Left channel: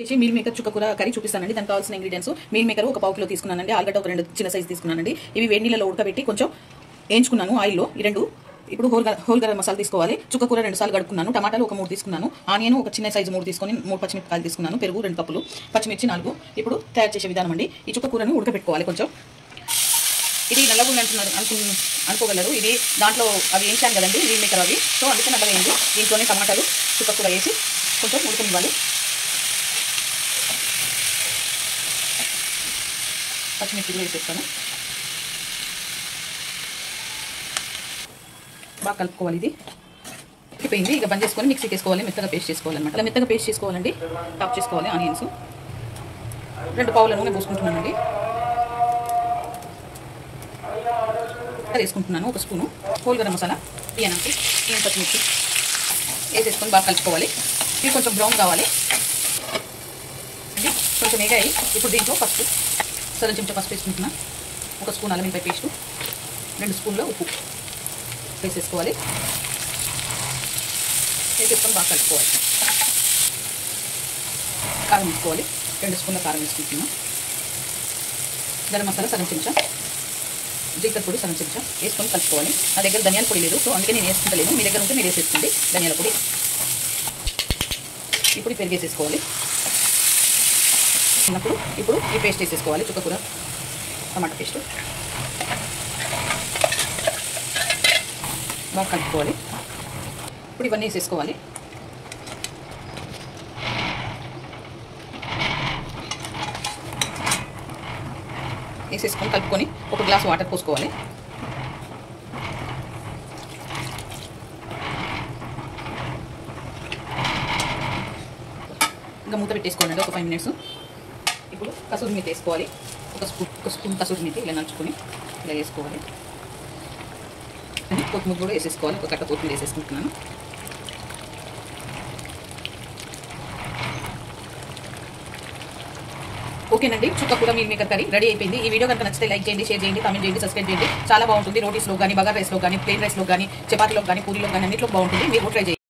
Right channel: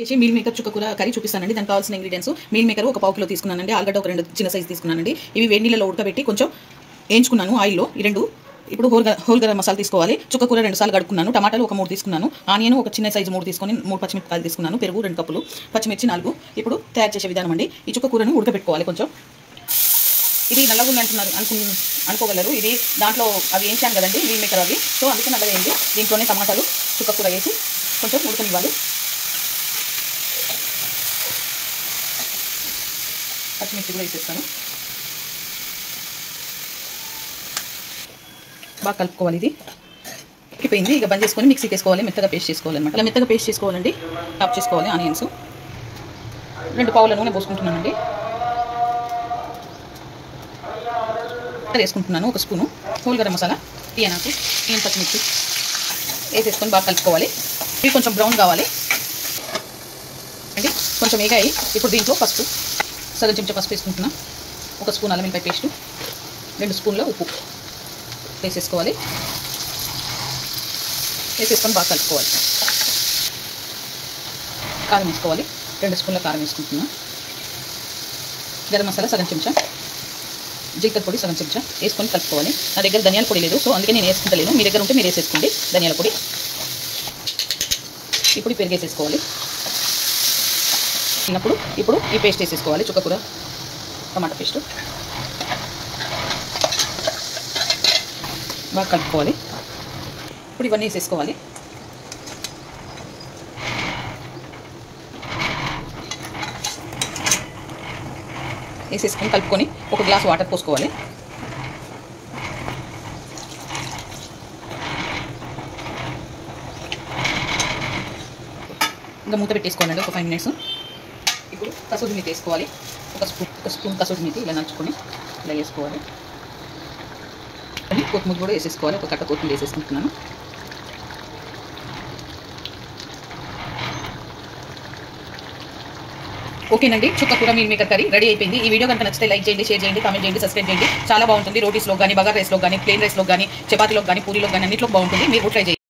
చేసి meal maker చుక్కకూర curry చూపిస్తానండి. దానికి కావాల్సిన ఇంగ్రీడియంట్స్ మీల్ మేకర్ ఒక పావు కిలో తీసుకున్నానండి. ఆలుగడ్డ ఒక 2 చిన్న సైజు తీసుకున్నానండి. ఇవి వేడి నీళ్ళలో ఉడకబెట్టి కొంచెం వేయించుకున్నాను ఆయిల్లో. ఈ 2 ఇప్పుడు హోల్ గరం మసాలా తీసుకోవాలి. చుక్కకూర 2 సార్లు కడుక్కున్నాను. టమాటాలు ఒక 3 తీసుకున్నాను. ఆనియన్ ఒక చిన్న సైజు 3 తీసుకొని 3 పచ్చిమిరపకాయలు తీసుకున్నాను. పెరుగు 2 కప్పులు, పచ్చిమిర్చి 4. ఇప్పుడు తయారు చేసే విధానం అండి. ఈ చుక్కకూరని ఉడకబెట్టుకోవాలి. కొంచెం ఇది నల్లగుండి అనుకోగలరు. ఇది దాంట్లో అవి వేయించాను కదండి మీల్ మేకర్ అవి, సో అందుకే నల్లగా వేయండి. దీంట్లోనే టమాటాలు చుక్కకూర వేసి కొంచెం ఉడకనివ్వాలి. పచ్చిమిర్చి కూడా వేసేస్తాను. బాగా కలుపుకోవాలి. ఇది ఉడికిపోయింది. ఇక బంద్ చేసుకొని మిక్సీకి వేసుకోవాలి. మెత్తగా పేస్ట్ చేసుకోవాలన్నమాట. అలా మెత్తగా పేస్ట్ చేసుకోవాలండి. టాప్ చేసుకోవాలి. ఆనియన్స్ 2 పావుల నూనె పోసుకుంటున్నానండి. వేసుకుంటున్నాను. 1 స్పూను హోల్ గరం మసాలా, టీయనాకి, పచ్చిమిర్చి వేసేసుకొని బాగా కలుపుకోవాలి. ఇవి కొంచెం బ్రౌన్ కావాలి అండి. కొంచెం వేగాయి. ఇప్పుడు దీంట్లో పసుపు, సగం చెంచా పసుపు వేసుకుంటున్నాను. 1 స్పూన్ అల్లం వెల్లిపాయ పేస్టు, 2 స్పూన్ల ఉప్పు వేసేసుకోవాలి. వేసేసుకొని బాగా కలుపుకోవాలి. కారం వేసుకోవాలి. 2 స్పూన్ల కారం వేసుకుంటున్నాను. గరం మసాలా సగం చెంచా, జీలకర్ర పొడి సగం చెంచా వేసుకొని కలుపుకోవాలి. నా దగ్గర ధనియాల పొడి లేదు, సో అందుకే నేను వేసుకుంటలేను. మీ దగ్గర ఉంటే మీరు వేసేసుకోండి ధనియాల పొడి. ఇప్పుడు పెరుగు వేసేసుకోవాలి. ఇప్పుడు ఈ పేస్ట్ వేసేసుకోవాలి. చుక్కకూర టమాటా పేస్టు బాగా కలుపుకోవాలి. ఇప్పుడు ఇవన్నీ వేసేసుకోవాలి. వేసేసుకొని కలుపుకొని 1 గ్లాస్ వాటర్ పోసుకోవాలి. ఇంకా మూత పెట్టేసుకోవాలండి ఒక 5 మినిట్స్. ఇప్పుడు కసూరి మేతి వేసుకోవాలి. ఒక స్పూన్ కసూరి మేతి ఇలా నంచుకొని ఇలా వేసుకోవాలి. కొత్తిమీర కూడా వేసేసుకోవాలి. ఒక కట్ట కొత్తిమీర వేసేసుకుంటున్నాను. ఓకేనండి, చుక్కకూర మీల్ మేకర్ కర్రీ రెడీ అయిపోయింది. ఈ వీడియో కనుక నచ్చితే లైక్ చేయండి, షేర్ చేయండి, కామెంట్ చేయండి, సబ్స్క్రైబ్ చేయండి. చాలా బాగుంటుంది. రోటీస్లో కానీ, బగార్ రైస్లో కానీ, ప్లేన్ రైస్లో కానీ, చపాతీలో కానీ, పూరీలో కానీ అన్నింటిలో బాగుంటుంది. మీరు ట్రై చేయండి.